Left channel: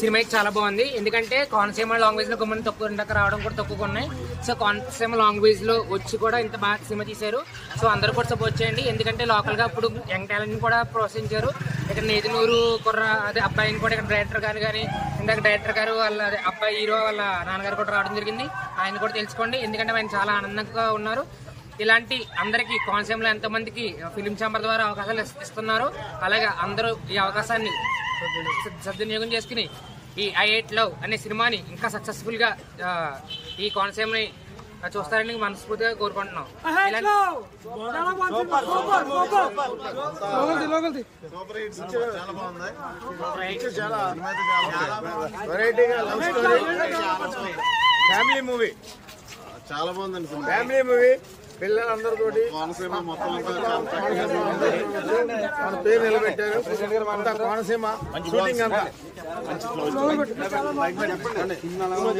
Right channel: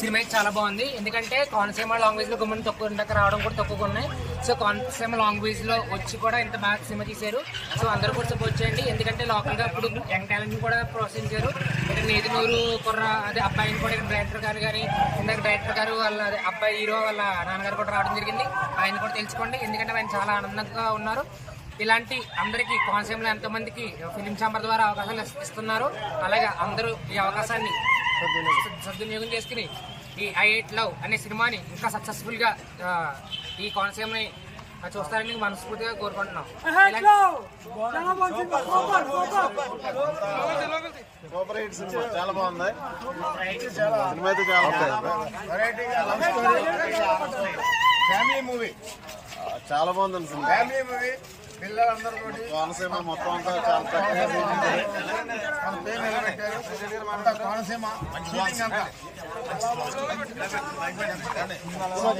Cinema అయితే చాలా బాగుంది. ఎందుకంటే కోనసీమ లాంగ్వేజ్ లో గుమ్మని తక్కువ రావడం కూడా తక్కువగా ఉన్నాయి. సో కోనసీమ లాంగ్వేజ్ లో వచ్చి కూడా ఇంత బాగా సినిమా తీశారు. సో అందరూ కూడా సపోర్ట్ చేయండి. ఎందుకంటే లోకల్ గా ఇప్పుడు యంగ్ టాలెంట్ ని కూడా ప్రోత్సహించారు. ఇక్కడ నేతినూరు కుర్ర అదే అబ్బాయిని కూడా ఇక్కడ డైరెక్టర్ గారు కానీ ఇందాక డైరెక్టర్ గారు వాళ్ళ అదే అబ్బాయి హీరో వాళ్ళ నాన్నగారు కూడా రావడం జరిగింది. ఆయన కూడా తెలుసుకోండి. ఎందుకంటే ఆయన చాలా ఆనందంగా ఉన్నారు. ఇలాంటి అందరికీ కోనసీమలో ఎంతో మందికి ఫిలిం ఛాంబర్ ద్వారా అవకాశాలు ఇస్తున్నారు. అలాగే అందరూ ఈ అవకాశాన్ని సద్వినియోగం చేసుకుని ఈ I8 లవ్ అనే సినిమాని ఇంకా సక్సెస్ఫుల్ గా ఈ కోనసీమని చూస్తారని మనస్ఫూర్తిగా కోరుకుంటున్నాం. ఫ్యామిలీ మూవీ చాలా బాగుందండి. ఫ్యామిలీ మూవీ పిల్లలందరితో కోనసీమ మొత్తం అంతా చాలా చక్కగా మన పేరు నిలబెట్టారు. అంతా కోనసీమ షూటింగ్ అంతా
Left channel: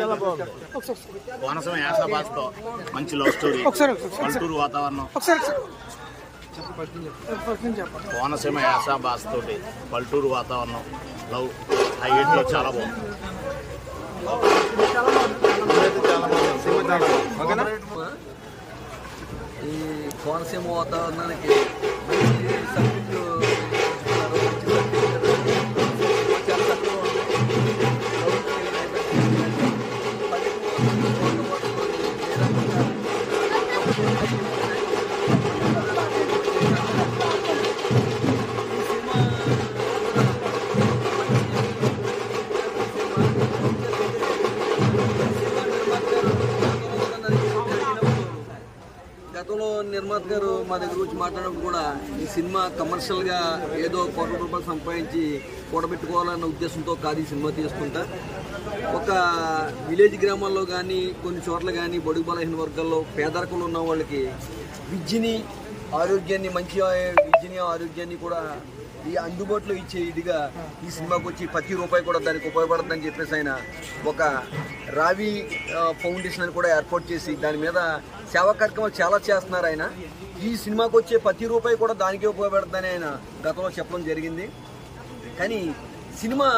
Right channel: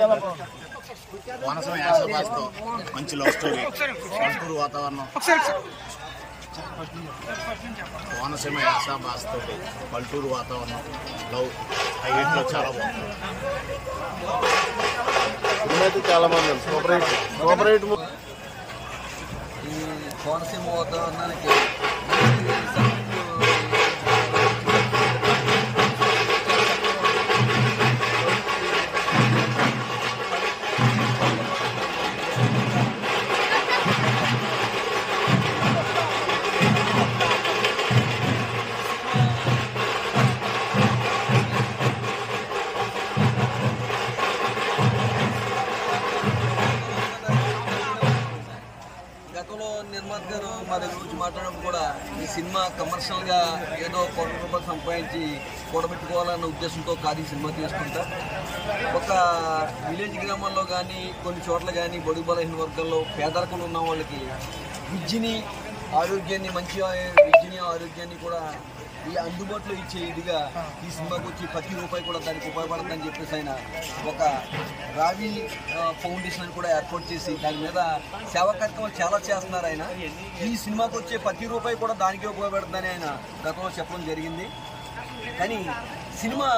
చాలా బాగుంది. కోనసీమ యాస భాషతో మంచి లవ్ స్టోరీ, పల్లెటూరు వాతావరణం. కోనసీమ యాస భాషతో పల్లెటూరు వాతావరణం లవ్ I8 లో చాలా బాగుంది. ఈ కోనసీమ వాతావరణానికి సబ్జెక్టులు గతంలో నిర్మాత గారు మా దగ్గర వచ్చి మాట్లాడినప్పుడు కూడా ఈ సినిమా కమర్షియల్ గా ఏదో ₹1,00,00,000 సంపాదించి కూడబెట్టుకోవాలన్న ఉద్దేశంతో కాదు ఈ సినిమా తీసుకుంటా. ఒక విలేజ్ గ్రామాల్లో కానీ కొన్ని చోట్ల కానీ బడుగు బలహీన వర్గాల్లో పేదరికంలో ఉన్న వాళ్ళకి విద్యని ఆరోగ్యాన్ని మంచి విద్యని ఆరోగ్యాన్ని కూడా ఈ అందుబాటులో ఇచ్చే ఇదిగా ఈ సినిమాకి వచ్చి ప్రతి రూపాయి కూడా దానికి ఉపయోగపడుతుందని చెప్పేసి ఆయన ఒక రావి ఫౌండేషన్ అని కూడా ఏర్పాటు చేసి దాని మీద సేవా కార్యక్రమాలు చాలా చేస్తున్నారు. ఆయన ఈ సినిమాకి వచ్చే ప్రతి రూపాయి కూడా దానికే ఉపయోగపడుతుందని ఆయన గతంలో చెప్పడం జరిగింది. కానీ సినిమా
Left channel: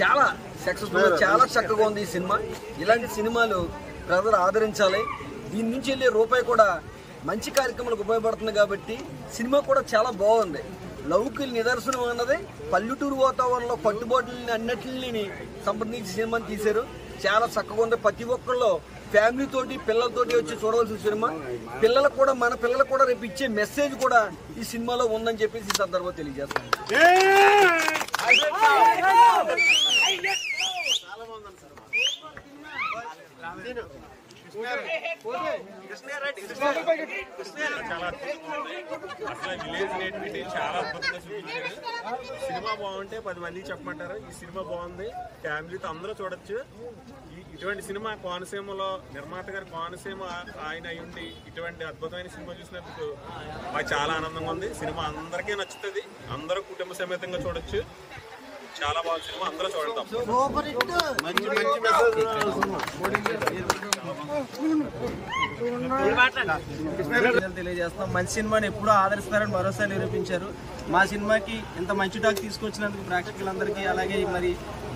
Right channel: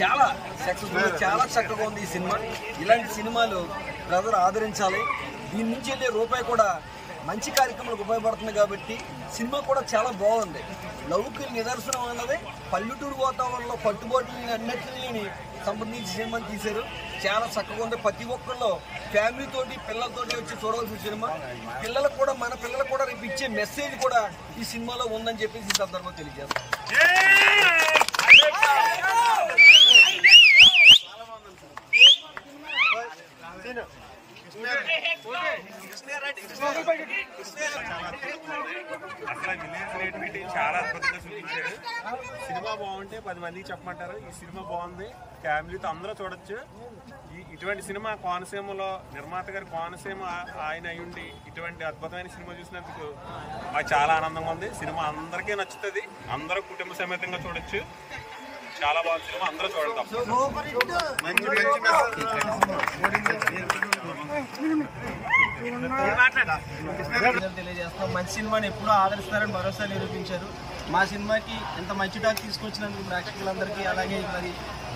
చాలా సక్సెస్ఫుల్, చాలా చక్కగా ఉంది ఈ సినిమా. ఇలాంటి సినిమాలు ప్రజలు ఆదరించాలి. దీని నుంచి వెళ్ళే రూపాయి కూడా మంచి కార్యక్రమాలకు ఉపయోగపడుతుంది కాబట్టి సినిమా కూడా చాలా బాగుంది. లవ్కి నిదర్శనం అన్నది పల్లెటూరు వాతావరణంలో పట్టుబాటుని అన్నిటిని సంబంధించి సినిమాని తీశారు. చాలా చక్కగా ఉంది. ప్రతి ఒక్కళ్ళు ఫ్యామిలీతోటి పిల్లలతోటి వచ్చి చూడవలసిన సినిమా. పిల్లలకు కూడా మన పిల్లలకు కూడా రేపు ఇచ్చే మెసేజ్ కూడా ఈ సినిమాలో ఉందని చెప్పేసి ఈ సందర్భంగా తెలియజేస్తాను. చాలా అద్భుతంగా ఉంది. అసలు విలేజ్ నేటివిటీ చాలా అద్భుతంగా చూపించాడు. సినిమా బాగుంటే 10 మందికి చెప్పమంటారు. ఈ సినిమా బాగుంది, ఫ్యామిలీతో అందరూ చూడొచ్చు. ఇటువంటి సినిమా కోనసీమలో నిర్మాత గారు కోనసీమ ఆయన అయ్యుండి ఇటువంటి అద్భుతమైన సినిమా చూసినందుకు మాకు చాలా ఆనందంగా ఉంది. సినిమా అందరికీ నచ్చుతుంది, అందరూ కుటుంబ సమేతంగా చూడొచ్చు. చాలా బాగా సినిమా, అందరూ చూడండి. తెలియజేస్తాం. మంచి సినిమాని ఎప్పుడూ ఆదరిస్తారని భరోసా నిరూపించారు. మా సినిమాకి ఇంత మంచి టాక్ తీసుకొచ్చినందుకు ప్రేక్షకులందరికీ, అలాగే మరి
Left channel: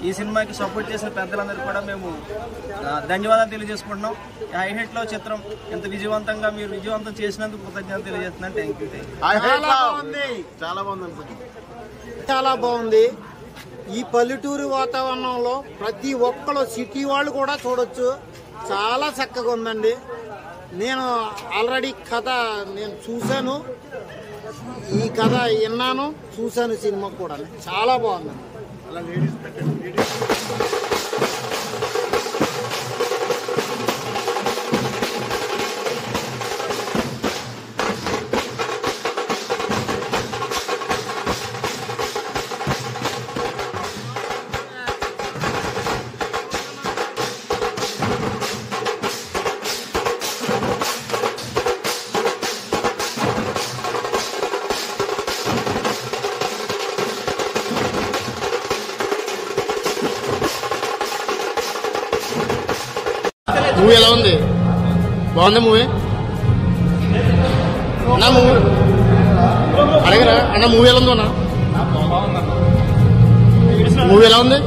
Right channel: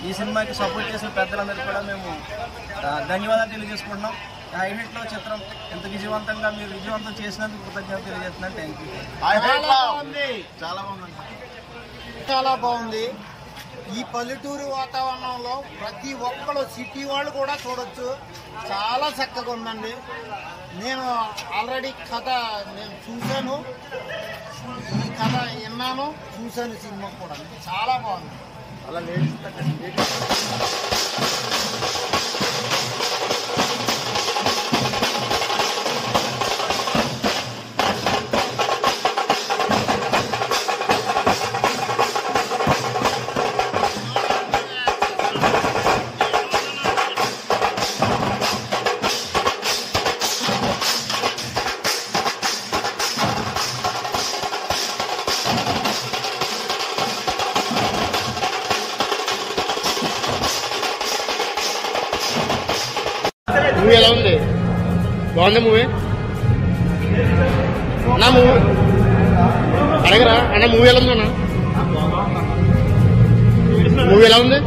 ఈ సినిమాకి సపోర్ట్ చేసిన పెద్దలందరికీ కూడా మేము ధన్యవాదాలు తెలియజేసుకుంటున్నాం. I8 లవ్ చిత్రం ఇంత విజయవంతంగా మీరు విజయవంతం చేసినందుకు కృతజ్ఞతలు తెలియజేస్తున్నాను. Thank you. చాలా బాగుంది. ఈ పల్లెటూరు వాతావరణంలో ప్రతి ఒక్కరు సిటీ వాళ్ళు కూడా చూడొచ్చు. చాలా చక్కగా ఉందండి. నేను ఆల్రెడీ కథ నేను చూశాను, ఈ కథ విన్నాను, చూశాను. సినిమా కూడా చాలా బాగుంది. అలా మూవీ ఎలా ఉంది? బాగుందా మూవీ? అన్నా మూవీ అడగరా అన్న, మూవీ ఎలా ఉందో అన్న? మూవీ ఎలా ఉంది?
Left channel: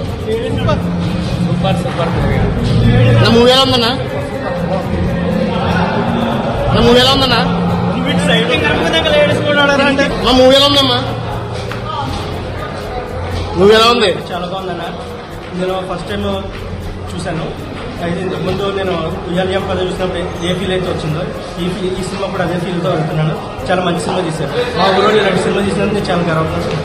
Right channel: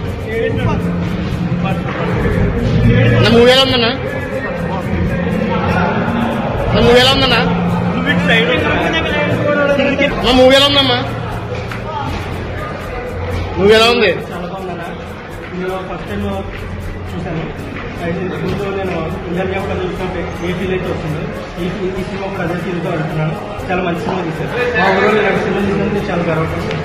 నా మూవీ ఎలా ఉందన్నా? నా మూవీ ఎలా ఉందన్నా? మా మూవీ ఎలా ఉందమ్మా? మూవీ ఎలా ఉంది? చాలా బాగుందన్న. నేను ఫస్ట్ టైం చూశాను. ముందు నేను ఇయర్ కూడా చూసినప్పుడు ఏ ఫీల్ అయితే వచ్చిందో ఈ సినిమా కూడా అదే ఫీల్తో అనుకున్నాను. చాలా మంచి సినిమా తీశాను. మా ఊళ్ళో ఇలాంటి సినిమా తీసినందుకు చాలా గర్వపడుతుంది.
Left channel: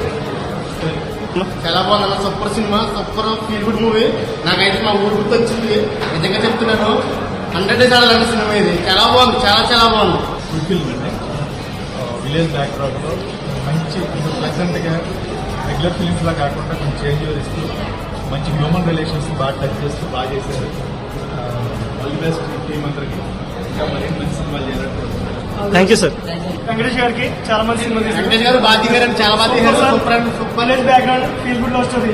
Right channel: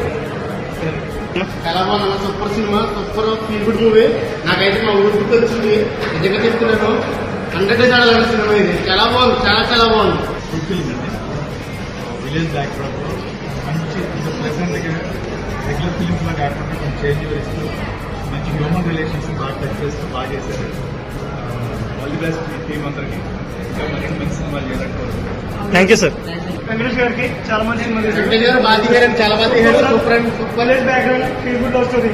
చాలా బాగుందన్న. Super cinema, super feel good movie. నాకైతే మా ఊరు గుర్తొచ్చింది. నిజంగా చెప్తున్నాను, 100 అలాంటి సినిమా ఇది. చాలా బాగుంది, చాలా చాలా బాగుంది. విలేజ్ బ్యాక్గ్రౌండ్ మంచి ప్లెజెంట్గా రెగ్యులర్ ఫిలిమ్స్ లా కాకుండా కొంచెం చేంజ్ ఇస్తూ మంచి హ్యూమన్ రిలేషన్స్ బాగా టచ్ చేస్తూ బాగా చేశారు. ఆల్ ది బెస్ట్ టీమ్ అందరికి మరిన్ని సినిమాలు చేయాలంటే. Thank you sir. వెంకటేష్ గారికి చాలా మంచి సినిమా వెంకటేష్ గారు బాగా తీశారు, చాలా బాగా తీశారు. Super and super background feel good వస్తుంది.